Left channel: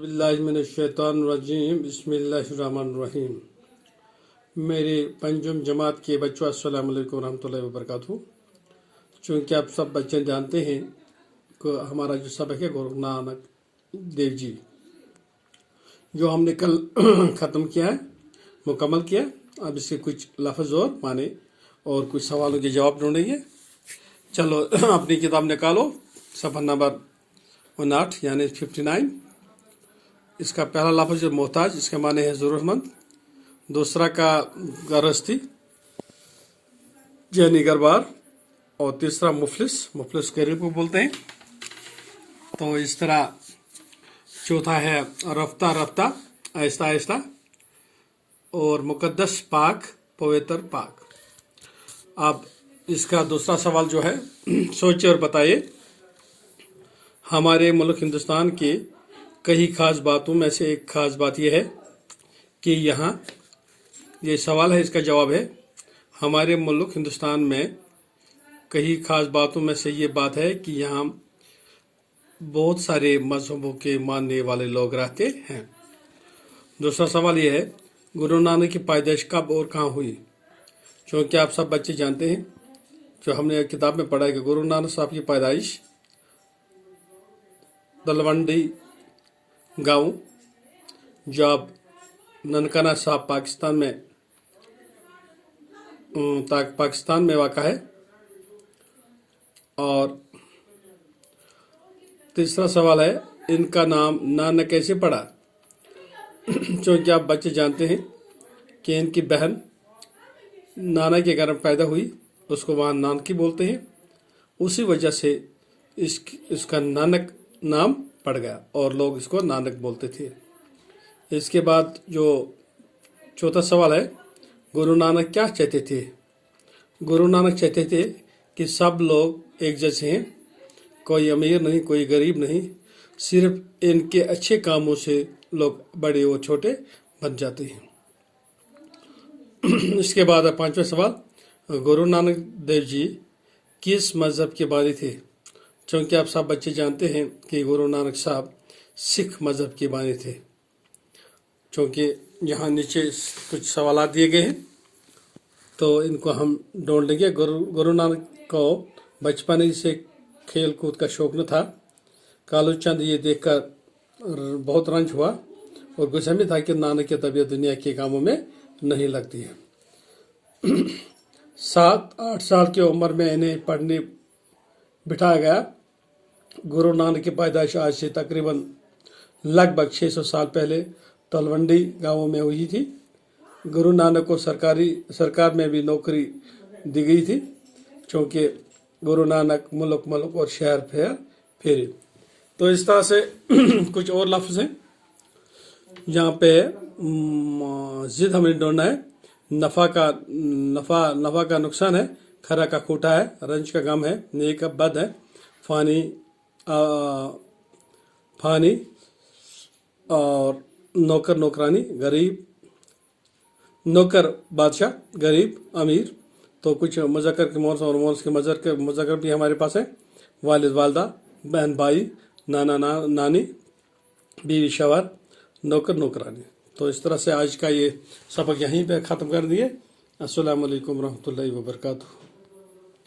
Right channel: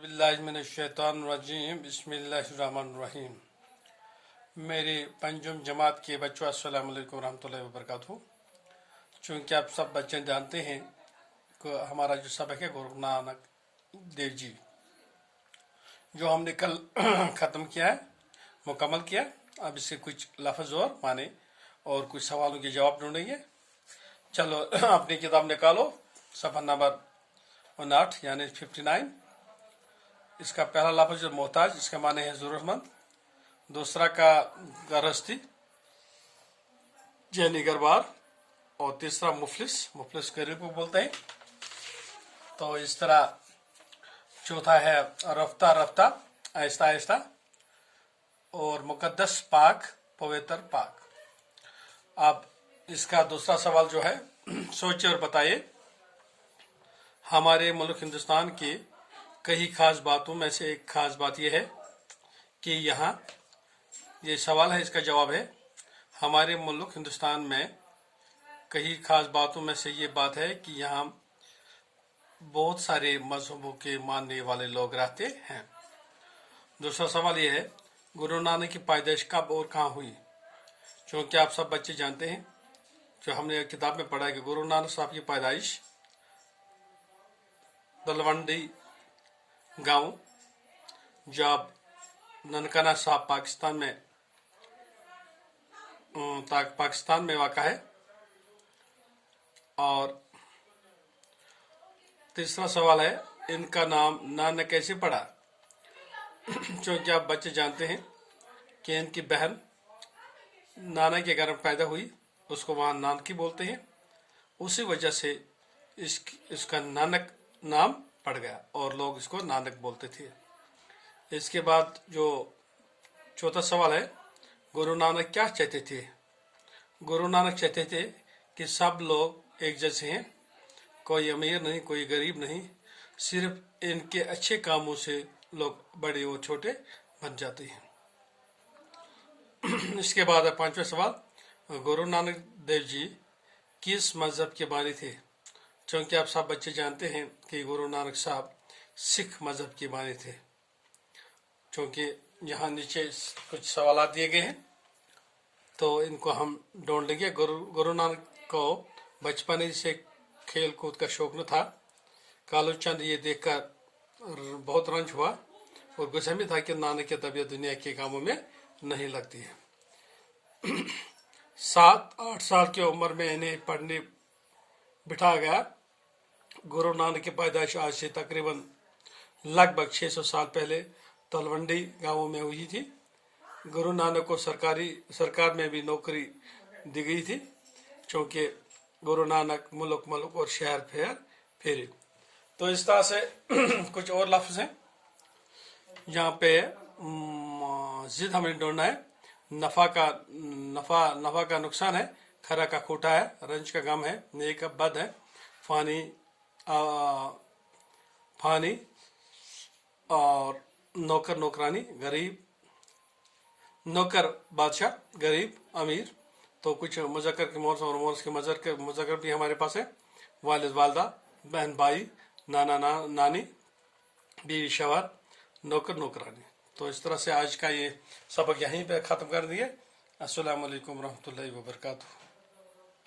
बिस्मिल्लाहिर्रहमानिर्रहीम बिस्मिल्लाहिर्रहमानिर्रहीम। मेरे पंजुम जमात के बच्चों अस्सलाम वालेकुम रहमतुल्लाहि व बरकातहू। चूँकि आप सब बच्चे जानते हैं कि हमारा जो सबक है गुरु नानक देव जी जो हमने कल ख़त्म किया है, मुकम्मल किया। अब इसके कुछ लफ्ज़ और माने और कुछ सवालों के जवाब ढूंढेंगे। चलो अपनी किताब निकालो, सफ़ा नंबर 59 यानी 59। इसका पहला लफ्ज़ मोहताज, इसका माने है ज़रूरतमंद। दूसरा का गरस्ती यानी गरबार, और तीसरा मुफलिस, मुफलिस गरीब को बोलते हैं। तो इस तरह चौथा है रफ्ता रफ्ता, आहिस्ता आहिस्ता, और मुकद्दस पाक, पवित्र पाक। अब इसका दूसरा सवाल जो है सोचिए और बताइए। हमारे मुल्क हिंदुस्तान की कई खास बातों में से एक खास बात यह है कि यहाँ, ये सवाल है, इसका जवाब है हमारे मुल्क हिंदुस्तान में कई खास बातों में से ये बात है कि यहाँ बहुत सारे मजहबों के मानने वाले लोग रहते हैं। दूसरा सवाल यह है गुरु नानक की पैदाइश कब और कहाँ हुई। क्योंकि आप सब बच्चे जानते हैं, जो हमने किताब में पढ़ा है कि गुरु नानक साहब की पैदाइश तलवंडी गांव, जब ननकाना साहब पाकिस्तान में वाक़ा है। और तीसरा सवाल है इनका नाम नानक कैसे पड़ा। क्योंकि आप बच्चे जानते हैं कि इनकी बहन नाना के घर में पैदा हुई, उसको वहाँ नानकी बोलते हैं। उसी वजह से इसका नानक नाम पड़ गया और लोग इसको नानक बोलते थे। इसके बाद जो चौथा सवाल है गुरु नानक क्या चाहते थे। गुरु नानक चाहते थे कि सब लोग एक जैसे हैं, कोई अमीर नहीं, कोई गरीब नहीं, सिर्फ इनके अच्छे कामों से लोग बड़े और छोटे बन जाते हैं। इसके बाद पांचवा सवाल गुरु नानक देव जी किस मज़हब के बानी थे। क्योंकि आप सब बच्चे जानते हैं कि गुरु नानक साहब सिख मज़हब के बानी थे। क्योंकि यहाँ नीचे कुछ सवाल दिए गए हैं तो इनको हम ढूंढ लेंगे। गुरु नानक को बचपन ही से खेल कूद का शौक न था। कालू चंद ये देखकर बहुत रंज हुआ और गुस्से में था कि नानक की तबीयत दुनिया के कामों में नहीं लगती है। 7-8 साल की उम्र में इन्हें पढ़ने बिठाया गया। गुरु नानक की पैदाइश आज से तकरीबन लगभग 600 साल पहले तलवंडी गांवों में हुई थी। गुरु नानक को सरकार में भी नौकरी दी गई थी। क्योंकि गुरु नानक मुल्क मुल्क और शहर फेरे। तो इस तरह से कुछ और लफ्ज़ हैं यहाँ पे। जिद हमें ढूंढना है। नफ़ा का नुकसान है, खरा का खोटा है, रंज का गम है, नेक का बद है, फानी और नौकर नौकरानी, गरीब नौकर बादशाह, गरीब अमीर। तो कुछ मुज़क्कर के मोर्स और मोर्स के मुज़क्कर भी हमारे पास है। वालिद वालदा, बहन भाई, नाना नानी, बीवी शवर, नौकर नौकरानी। तो इस तरह से आज का ये सबक यहीं पे ख़त्म कर दिए। अस्सलामु अलैकुम रहमतुल्लाहि व बरकातहू।